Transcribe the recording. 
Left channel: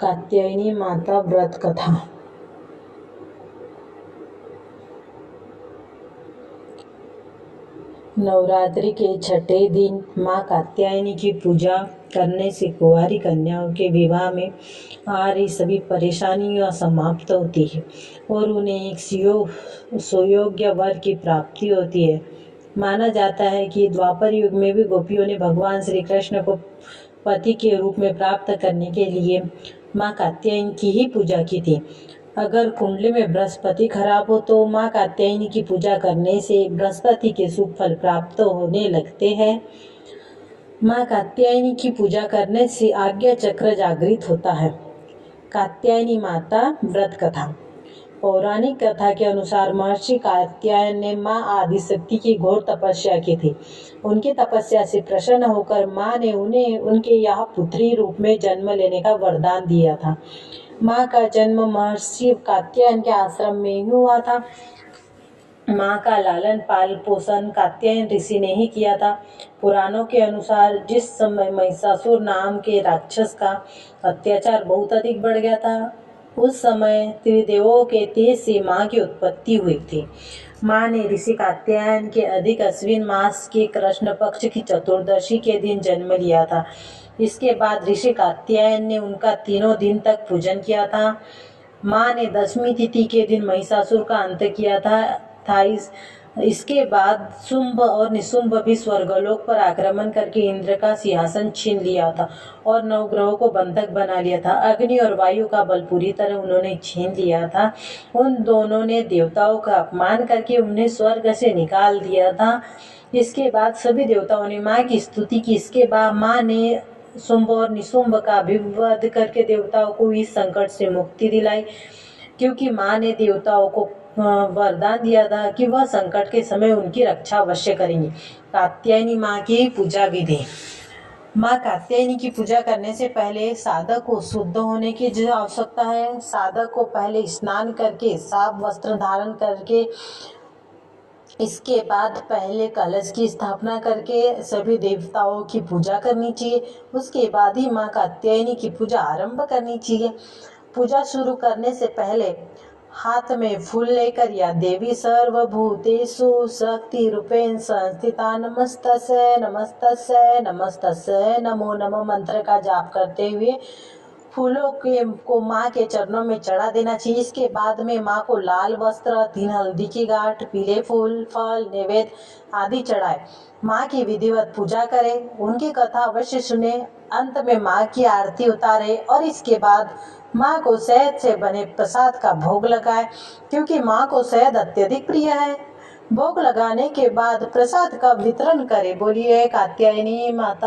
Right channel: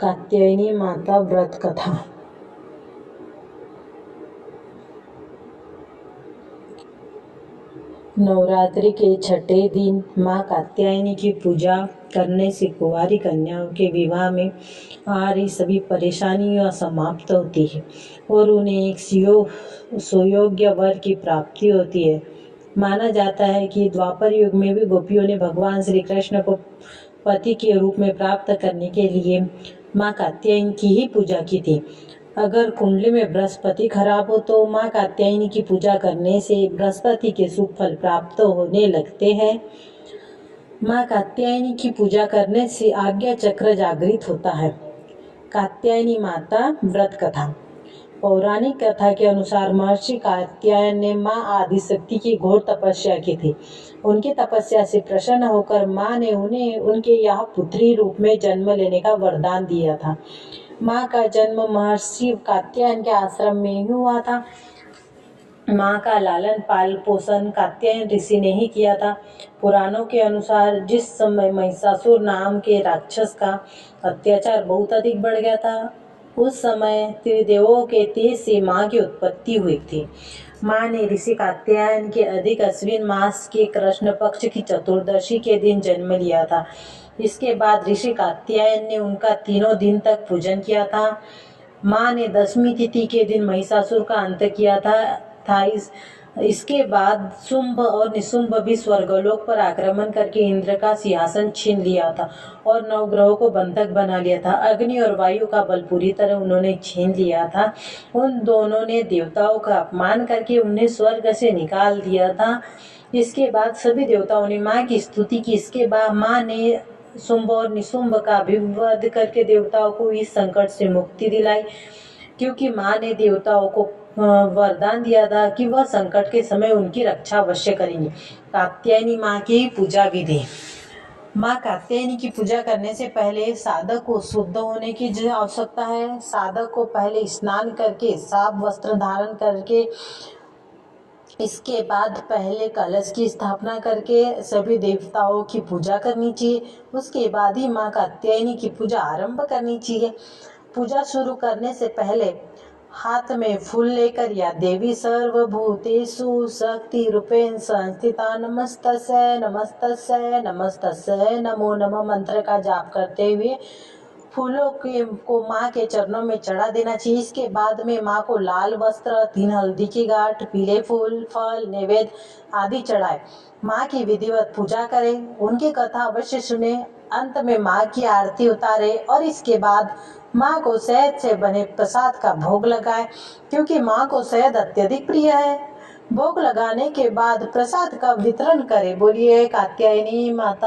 कात्यायनी माता व्रत कथा। नवरात्रि के छठे दिन माँ कात्यायनी की पूजा करने से कुंवारी कन्याओं के विवाह में आ रही सभी परेशानियां समाप्त होती है और उन्हें एक सुयोग्य वर की प्राप्ति होती है। माना जाता है कि द्वापर युग में भी गोपियों ने भगवान श्री कृष्ण को पति के रूप में प्राप्त करने के लिए माँ कात्यायनी की ही पूजा की थी। अगर कुंडली में बृहस्पति खराब हो तो माँ कात्यायनी की पूजा करने से बृहस्पति के शुभ फल प्राप्त होने लगते हैं। माँ कात्यायनी की पूजा करने से आज्ञा चक्र जागृत होता है। कात्यायनी माता व्रत कथा। पौराणिक कथा के अनुसार महर्षि कात्यायन ने माँ आदिशक्ति की घोर तपस्या की थी। उनकी तपस्या से प्रसन्न होकर माँ ने उन्हें उनके यहाँ पुत्री रूप में जन्म लेने का वरदान दिया था। माँ का जन्म महर्षि कात्यायन के आश्रम में ही हुआ था। माँ का लालन पाल पोषण कात्यायन ऋषि ने ही किया था। पुराणों के अनुसार जिस समय महिषासुर नाम के राक्षस का अत्याचार बहुत अधिक बढ़ गया था, उस समय त्रिदेवों के तेज से माँ की उत्पत्ति हुई थी। माँ ने ऋषि कात्यायन के अधिक अश्विन मास के कृष्ण पक्ष की चतुर्दशी के दिन जन्म लिया था। इसके बाद ऋषि कात्यायन ने उनका 3 दिन तक पूजन किया था। माँ ने 10वीं तिथि के दिन महिषासुर का अंत किया था। इसके बाद शुंभ और निशुंभ भी स्वर्गलोक पर आक्रमण करके इंद्र का सिंहासन छीन लिया था और नवग्रहों को बंधक बना लिया था। अग्नि और वायु का बल पूरी तरह उन्होंने छीन लिया था। उन दोनों ने देवताओं का अपमान करके उन्हें स्वर्ग से निकाल दिया था। इसके बाद सभी देवताओं ने माँ की स्तुति की। इसके बाद माँ ने शुंभ और निशुंभ का भी वध करके देवताओं को इस संकट से मुक्ति दिलाई, क्योंकि माँ ने देवताओं को वरदान दिया था कि वह संकट के समय उनकी रक्षा अवश्य करेंगी। कात्यायनी माँ की पूजा विधि। माँ कात्यायनी की पूजा करने से पहले साधक को शुद्ध होने की आवश्यकता है। साधक को पहले स्नान करके साफ वस्त्र धारण करके इसके बाद पहले कलश की स्थापना करके सभी देवताओं की पूजा करनी चाहिए। उसके बाद ही माँ कात्यायनी की पूजा आरंभ करनी चाहिए। पूजा शुरू करने से पहले हाथ में फूल लेकर या देवी सर्वभूतेषु शक्ति रूपेण संस्थिता नमस्तस्यै नमस्तस्यै नमस्तस्यै नमो नमः मंत्र का जाप करते हुए फूलों को माँ के चरणों में चढ़ा देना चाहिए। इसके बाद में माँ को लाल वस्त्र, 3 हल्दी की गांठ, पीले फूल, फल, नैवेद्य आदि चढ़ाए। माँ की विधिवत पूजा करें, उनकी कथा अवश्य सुने, अंत में माँ की आरती उतारे और इसके बाद माँ को शहद से बने प्रसाद का भोग लगाए, क्योंकि माँ को शहद अत्यधिक प्रिय है। भोग लगाने के बाद प्रसाद का वितरण करें। बोलिए कात्यायनी माता।